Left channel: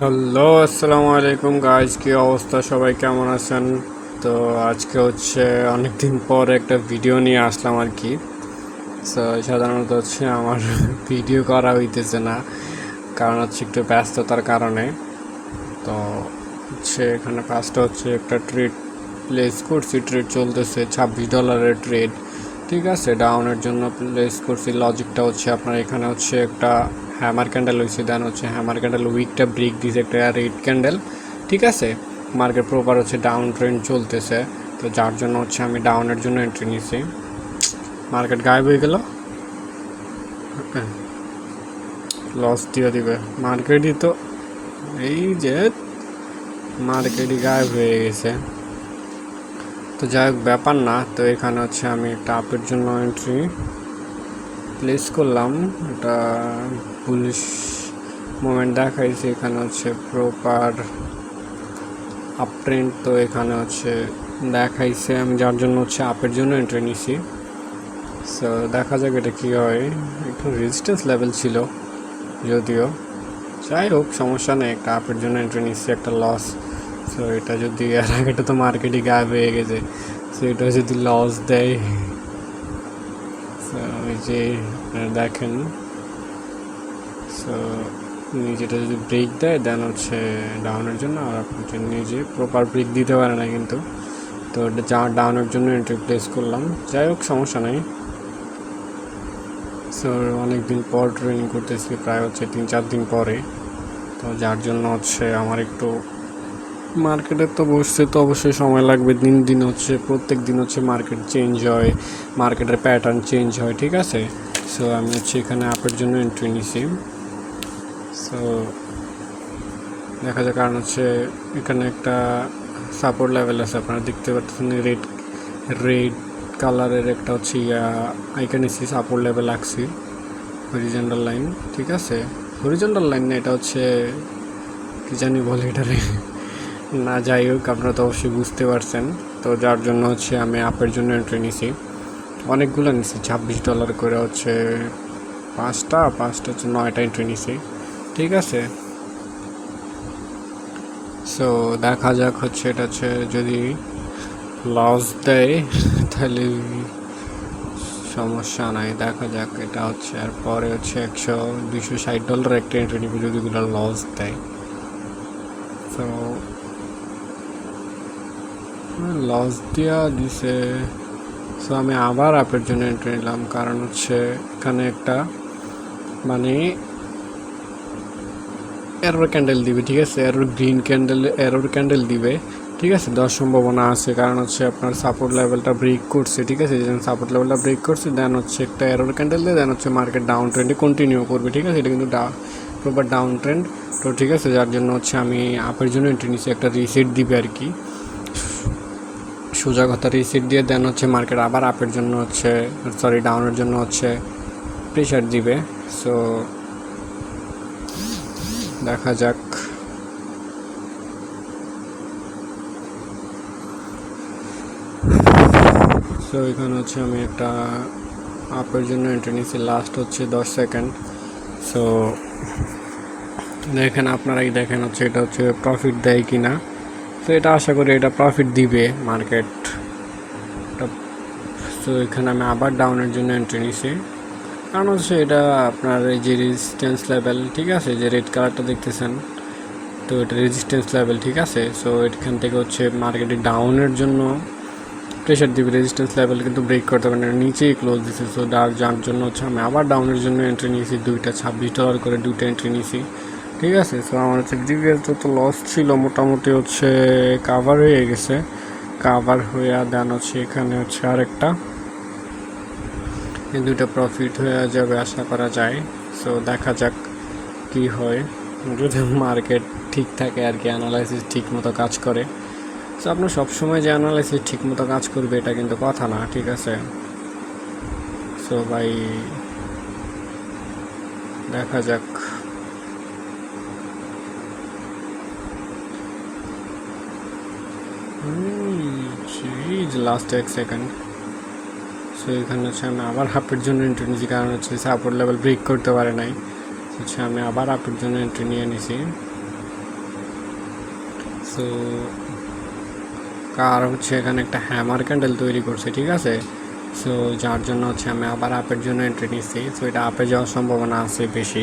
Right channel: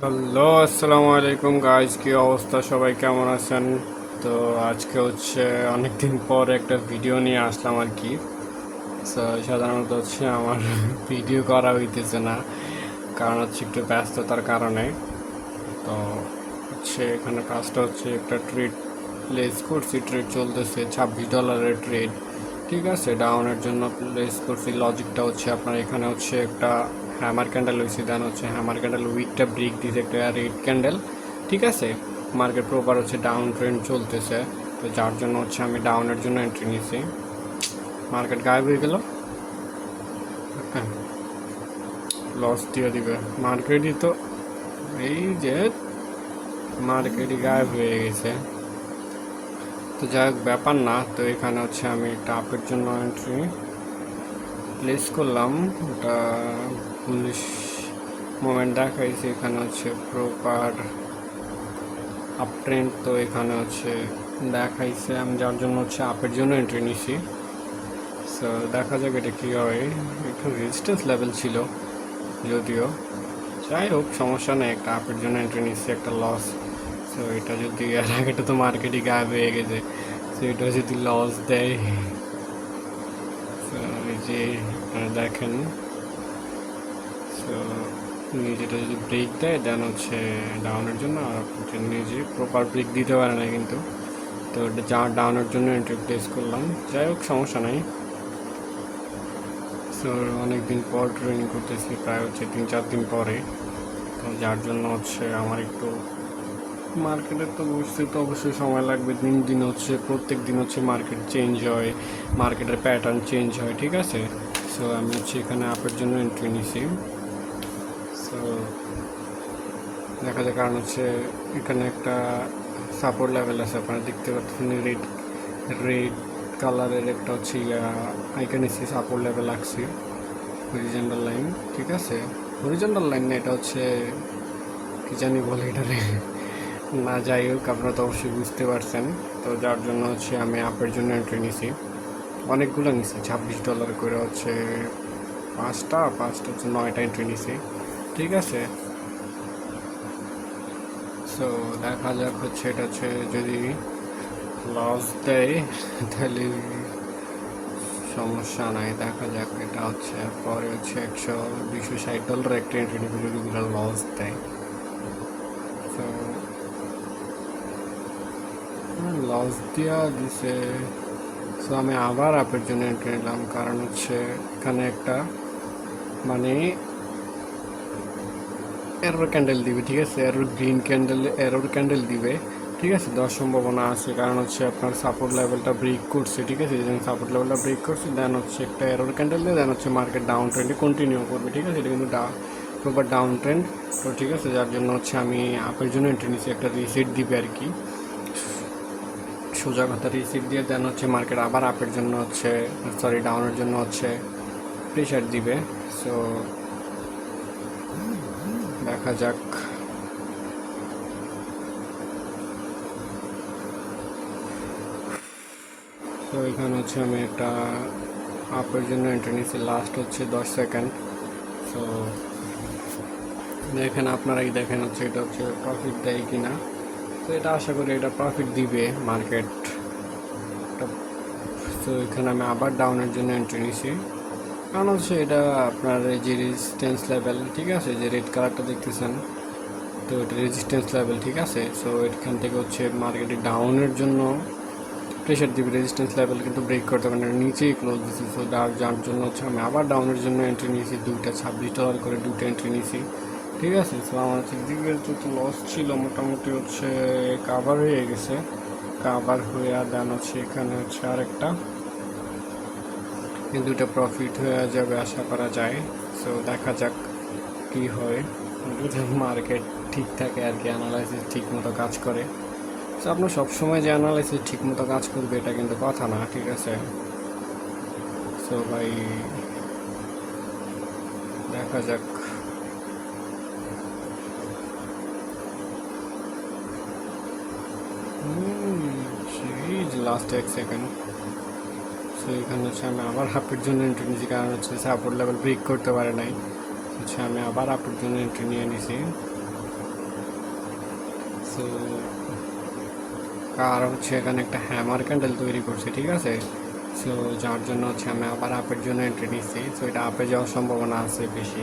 Hello, আসসালামু আলাইকুম guys, কি অবস্থা? সবাই কেমন আছেন? তো আজকে হচ্ছে অনেকদিন পর একটা ভিডিও নিয়ে আসলাম আর কি। সো সাধারণত হচ্ছে আমার ভিডিও করা হইতেছে না, কারণ হচ্ছে একটু ব্যস্ততার কারণে। তো হচ্ছে এখানে কাজটা হচ্ছে একটা ট্রেড প্লেস করছি, ট্রেড চলতেছে $26 ট্রেড। ঠিক আছে, ডাউনের জন্য প্লেস করছি। লজিকটা হচ্ছে আপনার এখানে হচ্ছে একটা হ্যামার ক্যান্ডেল হয়েছে, দেন হচ্ছে হ্যামার ক্যান্ডেল উইকটা ব্রেক দিয়েছে একটা রেড ক্যান্ডেল। ঠিক আছে, মার্কেট প্রপার হচ্ছে ডাউন ট্রেন্ড চলতেছে, তো যার জন্য হচ্ছে আমি ডাউনের জন্য এন্ট্রি নিছি। মার্কেট গায়েব হয়ে গেল, লস দিয়ে দিবে মার্কেটই তো। এই যে মার্কেটই গায়েব হয়ে গেছে, তো যাই হোক ব্যাপার না। তো এখানে হচ্ছে আমি একটা আপের জন্য এন্ট্রি প্লেস করলাম। এটা পুলিশ মোমেন্ট দেখাইছে, এখানে হচ্ছে প্রপার আপ ট্রেন্ড, তো এখানে হচ্ছে দেখাইছে, আমি যার জন্য হচ্ছে আপের জন্য এন্ট্রি নিছি। সো দেখা যাক এটা কী হয়। একটু রেজিস্ট্যান্স লেভেল ছিল যদিও, যাই হোক সমস্যা নেই। একটা আপের জন্য এন্ট্রি নিচ্ছি, একটা লস। সো এটা যদি এর আগেটা তো মার্কেটে গায়েব হয়ে গেছে, সো এটা যদি লস দেয়, সো এই যে দেখেন, সো নিজেটা যদি ব্রেক দেয় দেন হচ্ছে ডাউনের জন্য, আর আপনি নিজে প্রপার ব্রেক দিতে পারে না কিন্তু। তো এটা যা ডাউনের জন্য এন্ট্রি প্লেস করলাম, যাই হোক সমস্যা নাই। সো অনেকদিন পর ট্রেনিং করতেছি, প্রায় হচ্ছে 3-4 দিন পরে, তো যার জন্য হচ্ছে আমার একটু মার্কেটে তো বসতে তো অবশ্যই সময় লাগবে। দিন দিন হচ্ছে প্রত্যেক দিন হচ্ছে মার্কেট চেঞ্জ হয়, মার্কেটের প্যাটার্ন চেঞ্জ হয়। ঠিক আছে, সো আমি হচ্ছে এখানে আপের জন্য এন্ট্রি নিছি। সো দেখা যায়, কারণ হচ্ছে এখানে একটা সাপোর্ট লেভেল আছে, আপনারা দেখতে পাচ্ছেন রেড রেড কালারের একটা হচ্ছে আইকন নিছি, সাপোর্ট লেভেল রাখছি, হরিজন্টাল লাইন। ঠিক আছে, হরিজন্টাল লাইন না, এটা হচ্ছে কি জানি বলে এটারে, না যাই হোক আপনারা তো অবশ্যই বুঝতে পারছেন। তো যার জন্য হচ্ছে আমি আপের জন্য এন্ট্রি নিছি, অনেকগুলো নিছি, $26 করে হচ্ছে পাঁচটা হচ্ছে 9টা এন্ট্রি নিছি। ঠিক আছে, সো দেখা যাক হচ্ছে এটা হচ্ছে যদি লস দেয় তাহলে সমস্যা নাই, দেখা যাক। এটা হচ্ছে আর পরে হচ্ছে $100-260 একটা এন্ট্রি নিবি যদি লস দেয়। তো লস দিয়া দিছে, সো আমি আবার আপের জন্য এন্ট্রি নিলাম, কারণ হচ্ছে এখানে একটা মানে এরর ক্যান্ডেল দিবে। ঠিক আছে, এরর ক্যান্ডেল দিবে। ঠিক আছে, দেওয়ার সম্ভাবনা আছে, কারণ হচ্ছে আপনার সাপোর্ট লেভেলটা ব্রেক করছে। ঠিক আছে, যখন সাপোর্ট লেভেলটা ব্রেক করছে দেন হচ্ছে একটা এরর ক্যান্ডেল দিয়ে দেন হচ্ছে মার্কেট ডাউন ট্রেন্ডে কন্টিনিউ করবে। ঠিক আছে, এটা কিন্তু প্রপার ডাউন ট্রেন্ড। তো ঠিক আছে, যার জন্য হচ্ছে আমি আপের জন্য এন্ট্রি নিচ্ছি, একটা রিসেট দিবে আর কি, সোজা কথা রিসেট দিয়ে দেন হচ্ছে মার্কেট আবার আপের জন্য হচ্ছে ডাউনের জন্য হচ্ছে প্রেশার দিবে। সো দেখা যাক। সো এখানে হচ্ছে আমি একটা আপের জন্য এন্ট্রি নিয়েছি, লাস্ট হচ্ছে 10 সেকেন্ড। সো দেখেন, আপনারাই দেখেন হচ্ছে এটা হচ্ছে প্রফিট দেয় কি না। তো এটা আশা করি এটা প্রফিট দিবে মার্কেট। তো এখানে আমি আবার ডাউনের জন্য এন্ট্রি নিয়েছি, কারণ হচ্ছে এটা আপনার এই যে রেজিস্ট্যান্স লেভেল, ঠিক আছে, যে রেড কালারটা দেখতেছেন, তো এটা রেজিস্ট্যান্স লেভেল। ঠিক আছে, সো এখান থেকে হচ্ছে মার্কেটে ডাউনের জন্য প্রেশার দিবে, রেজিস্ট্যান্স লেভেল কিন্তু ব্রেক করতে পারে না, নিচেই ক্লোজ দিচ্ছে। সো যার জন্য হচ্ছে আমি আবার ডাউনের জন্য এন্ট্রি নিয়েছি, দুইটা $26 করে দুইটা এন্ট্রি নিয়েছি। ঠিক আছে, সো আমার হচ্ছে প্রিভিয়াস যত লস ছিল মোটামুটি হচ্ছে কাভার হয়ে গেছে, কাভার হয়ে দেন হচ্ছে এখানে হচ্ছে আরেকটা, এই দুটো প্রফিট হয়ে যাবে আশা করা যায়। সো দেখা যাক কি হয়, যদি মার্কেট ঠিক থাকে আর কি, অ্যানালাইসিস ঠিক মতো কাজ করে। সো আপনার সবসময় যে অ্যানালাইসিস ঠিক মতো কাজ করবে এটা কিন্তু কথা না। ঠিক আছে, সো ভাই দেখা যাক। এই যে লাস্ট 1 সেকেন্ড। সো এখানে হচ্ছে আমি আবার হাফের জন্য এন্ট্রি নিয়েছি, কারণ হচ্ছে সাপোর্ট লেভেল ব্রেক করতে পারে নাই, হচ্ছে আমি আবার হাফের জন্য এন্ট্রি নিয়ে নিছি। সো কার হচ্ছে এখানে একটা হ্যামার ক্যান্ডেল তৈরি করছে, ঠিক আছে। সো যার জন্য হচ্ছে আমি আবার আপের জন্য এন্ট্রি নিচ্ছি। সো এটা আপে যাওয়ার সম্ভাবনা আছে বেশি,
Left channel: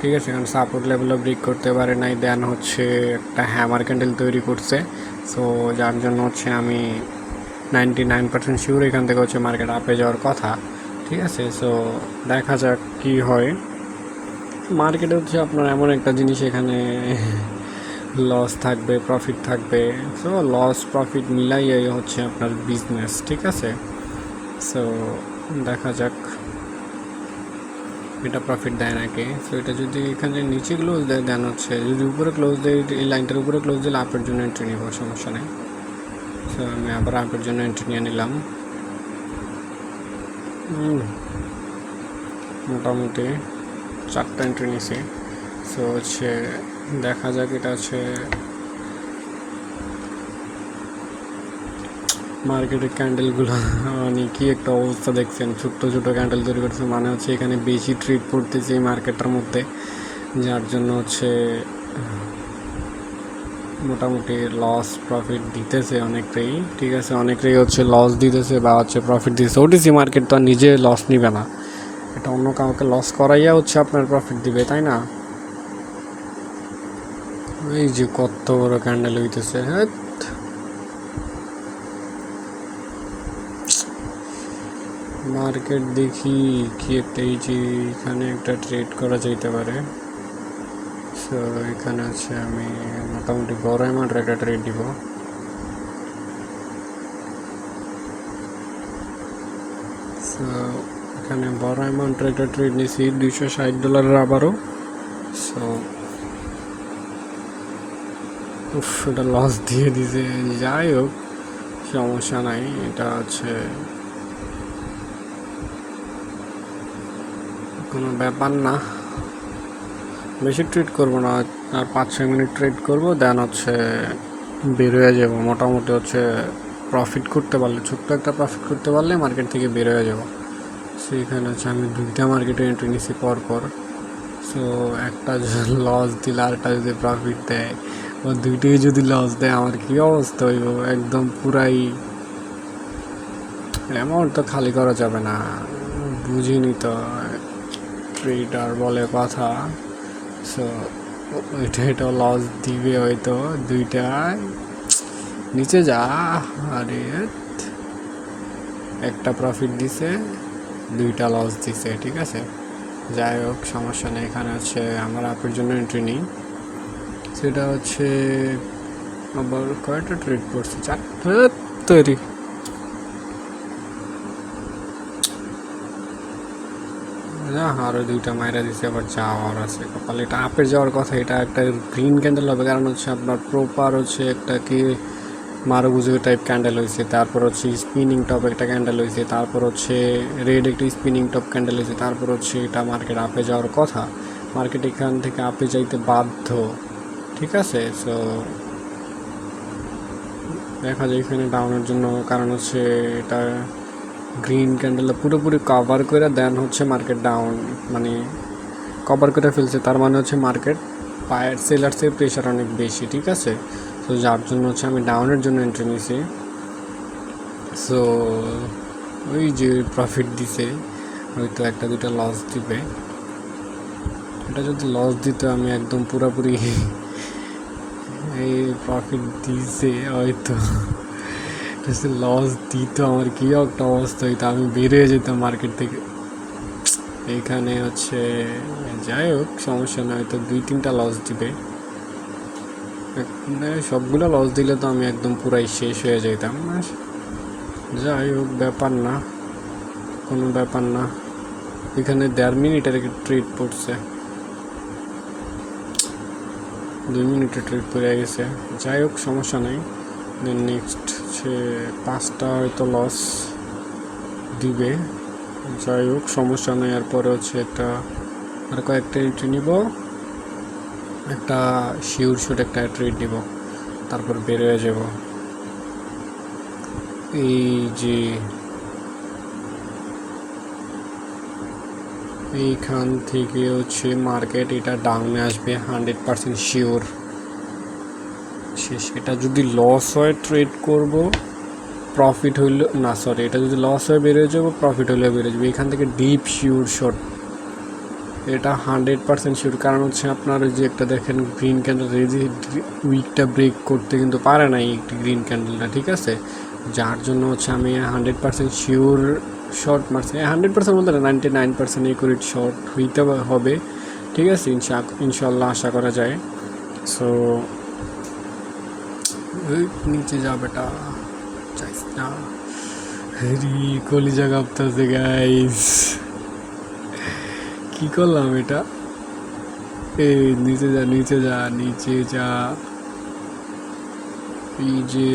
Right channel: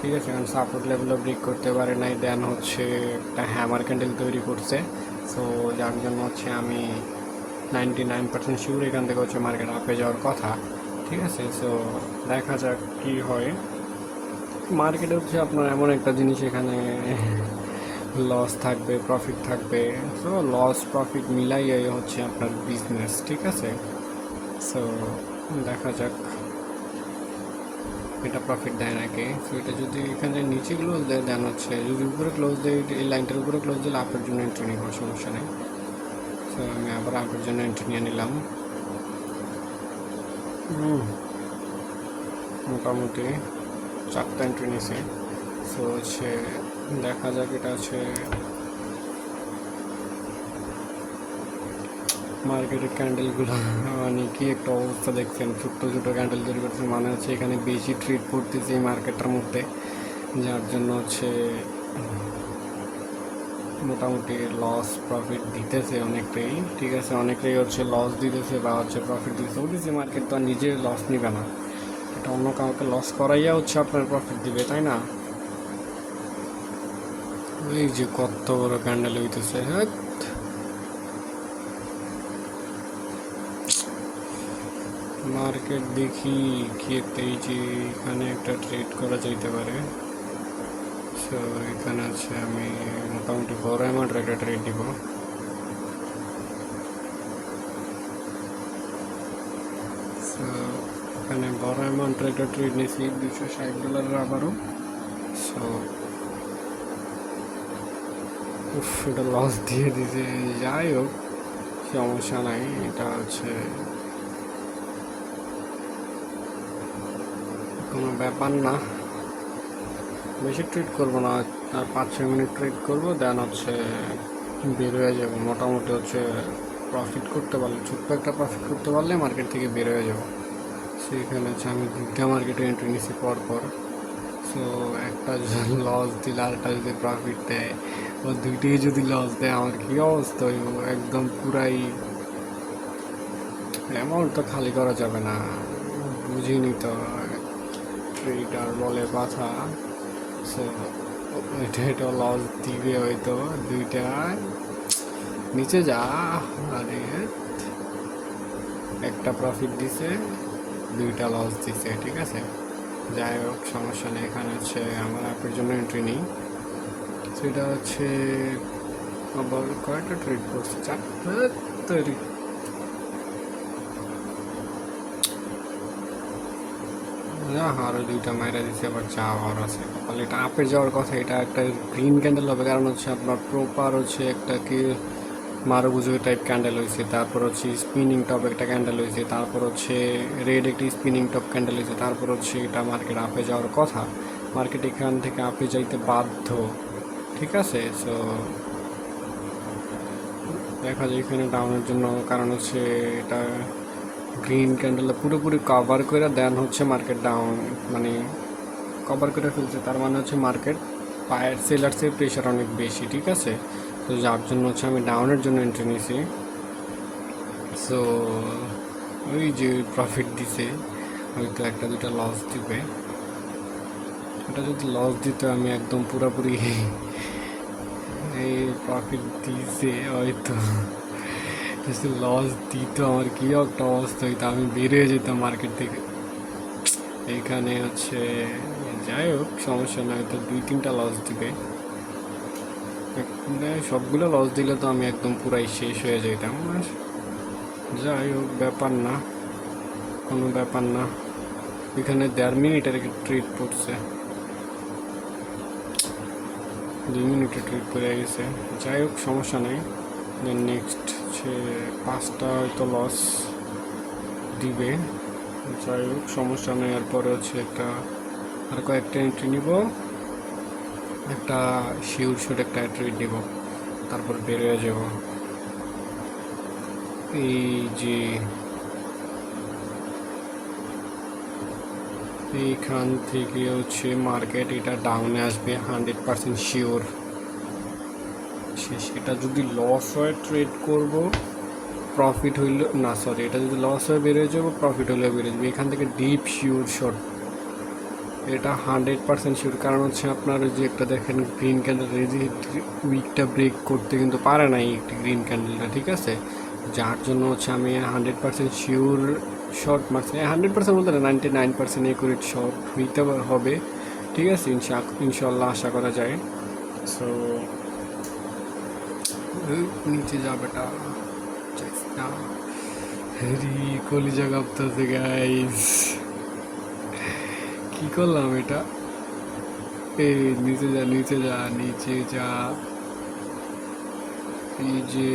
ঠিক আছে, কারণ সাপোর্ট লেভেলও ব্রেক করতে পারে নাই, দেন হচ্ছে একটা হ্যামার ক্যান্ডেল তৈরি করছে। সো যার জন্য হচ্ছে আমি 99% শিওর এখান থেকে হচ্ছে মার্কেট আপে যাওয়ার কথা, ঠিক আছে। সো দেখা যাক কি হয়। মার্কেটে হচ্ছে আপনার এমন একটা জিনিস, এখানে লস থাকবে, প্রফিট থাকবে। সো লস প্রফিট মিলাইয়াই হচ্ছে আপনার বিজনেস, ঠিক আছে। সো দেখা যাক এটা প্রফিট দেয় নাকি। সো এটা যদি এখানে নিচে ক্লোজ দেয়, দেন হচ্ছে যদি উপরে ক্লোজ দেয়, এই লাইনটার উপরে ক্লোজ দিলে আপের জন্য এন্ট্রি নিব, সমস্যা নেই। সো আমি আবার আপের জন্য এন্ট্রি নিয়ে নিলাম। মোটামুটি 4টা এন্ট্রি নিয়েছি। সো হচ্ছে দেখা যাক এটা হচ্ছে মার্কেটের ক্যান্ডেলগুলো মানে কি একটা অবস্থা দেখছেন, ছোট্ট ছোটো ক্যান্ডেল তৈরি করছে, মানে হচ্ছে এখানে বেশি ট্রেড করতেছে এই মার্কেটটার মধ্যে, যার জন্য হচ্ছে মোটামুটি লস প্রফিট দিতেছে অনেকটাই, ঠিক আছে, অনেকটাই হচ্ছে লস দিতেছে বা হচ্ছে প্রফিট দিতেছে। ওটিসি মার্কেট তো আর নিজে লস নিবে না, এটা অন্য কাউকে লস করাইয়া হচ্ছে আপনার প্রফিট দিবে, তাই না। এই যে কত বড় ক্যান্ডেল হইতেছে, হ্যাঁ। মার্কেট দেখি কি একটা, এই যে এখানে একটা ট্রেড করা যেতে পারে। সো এখানে আছে আমি মোটামুটি বড় অ্যামাউন্টের একটা ট্রেড দিব। সো এখানে বড় অ্যামাউন্টের একটা ট্রেড নিয়েছি $260 আবারও। সো এটা লস দিয়ে দিছে, যাই হোক সমস্যা নাই, এটা আছে কোনো ব্যাপার না। বেশি ট্রেড করবো না, আর 5-6 মিনিট ট্রেড করবো, দেন হচ্ছে বের হয়ে যাবো। মোটামুটি হচ্ছে প্রফিট করতে পারলে, ছোট্ট একটা প্রফিট করতে পারলে মার্কেট থেকে বের হয়ে যাবো। সেখানে হচ্ছে আমি 2টা মার্কেটে এন্ট্রি নিছি পরপর। সো একটা লস দিলে আরেকটা যদি প্রফিট দেয়, ও দুইটাই যদি লস দেয় আমার কী অবস্থা হইব, একদম পুরাই অ্যামাউন্ট তো খালি করা যাবে না, বুঝিনি তো, ট্রেডার বলে কথা। সো এটাও লস দিবে হয়তো, দুইটায় নিচে যা, আরে একটা প্রফিট দিছে, 2টা লস দিছে, ঠিক আছে। যাই হোক সমস্যা নেই, এখানে হচ্ছে আমার অ্যাপের জন্য এন্ট্রি নিই। সেটা হচ্ছে আবার কয়টা ট্রেড করছে, 4টে তৈরি। আরও 2টা মাইরা দিচ্ছে, আবার যাওয়ার আছে কপালে, এটা আপের যাওয়ার কথা। এটা একটা গ্রিন ক্যান্ডেল হবে, কারণ হচ্ছে আপনার প্রপার হচ্ছে একটা কি মারুবুজু টাইপ ক্যান্ডেল হয়েছে, তারপর হচ্ছে স্পিনিং টপ একটা ক্যান্ডেল হয়েছে, তারপর হচ্ছে রেড একটা স্পিনিং টপ ক্যান্ডেল হয়েছে, তারপর হচ্ছে এটা মার্কেট আপে যাওয়ার কথা, মার্কেট এখান থেকে আপে যাইতে বাধ্য, ঠিক আছে। সো দেখা যায় এখানে ডাউনের জন্য, কারণ হচ্ছে এটা গ্রিন ক্যান্ডেল পুরোপুরি কভার করে দেন হচ্ছে মার্কেট ডাউন, মানে কভার করে ফেলছে, তার মানে হচ্ছে মার্কেট বায়ার সেলার্সের প্রেশার অনেক বেশি, ঠিক আছে। তো যার জন্য হচ্ছে আমি ডাউনের জন্য এন্ট্রি নিয়েছি। সো ওই যে প্রফিট দিছে, হয়তো 1-2টা লস দিবে। এটা যদি লস দিত আমি একদম পুরোপুরি এই প্রফিট দিছে হয়তো, লস দিত আমার কী একটা অবস্থা হইতো, আমি বেরিয়ে যেতাম মার্কেট থেকে। এখানে হচ্ছে যাই হোক সমস্যা না, হয়তো 2-3টা লস দিবে, সবগুলো লস দিলে তো আমি একদম পুরাই শেষ হয়ে যেতাম। যাই হোক ব্যাপার না, কোনো ব্যাপার না। এখানে 1.5 মিনিটের ট্রেড পড়ছে, 2 মিনিটে ট্রেড করে গেছে, যাই হোক সমস্যা নেই। দেন নেক্সট হচ্ছে 5টা হয়তো লস দিবে, যাই হোক সমস্যা নেই। এরপরে হচ্ছে আর কয়েকটা এন্ট্রি নিব, একটা শিওর শুট একটা ট্রেড দিব, তারপর বের হয়ে যাব। এই যে এইখান থেকে হচ্ছে মার্কেট এটা ডাউনে আসবে 100% শিওর, শেষ। এটা যদি লস হয় ট্রেড করব, প্রফিট হইল না, সরি, এটা যদি লস হয়ে বেরিয়ে যাবো, প্রফিট হলেও বেরিয়ে যাবে। এখান থেকে ডিপ শিওর শট, এটা 100% শিওর। কারণ হচ্ছে আপনার ওই যে একটা দেখেন গ্রিন ক্যান্ডেল, এই যে উইকটা ব্রেক করতে কিন্তু পারে না এই একটি গ্রিন ক্যান্ডেলটা, ঠিক আছে, যার জন্য হচ্ছে আমি 100% শিওর শর্ট মারছি। 100% বলতে না, 99% একুরেট শর্ট হইতে হবে, ঠিক আছে, ইনশাল্লাহ আশা করা যায়। সো নিচে যা বেটা, চাইস না, কলিজা কাঁপতাছে গাইস, কি করলাম এটা, এই নিচে যা, নিচে যা, নিচে যা, এই যে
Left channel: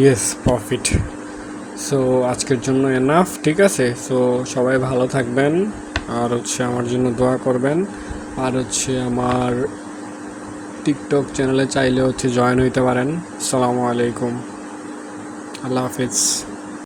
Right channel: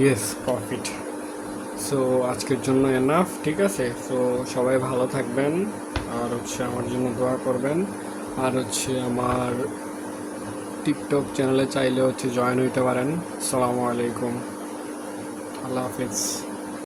ইয়েস প্রফিট। সো আজকের জন্য এনাফ, ঠিক আছে। সো সবাই ভালো থাকবেন, আর হচ্ছে আমার জন্য দোয়া করবেন, আর হচ্ছে আমার টিকটক চ্যানেলে চাইলে হচ্ছে জয়েন হইতে পারেন। আসসালামু আলাইকুম, আল্লাহ হাফিজ।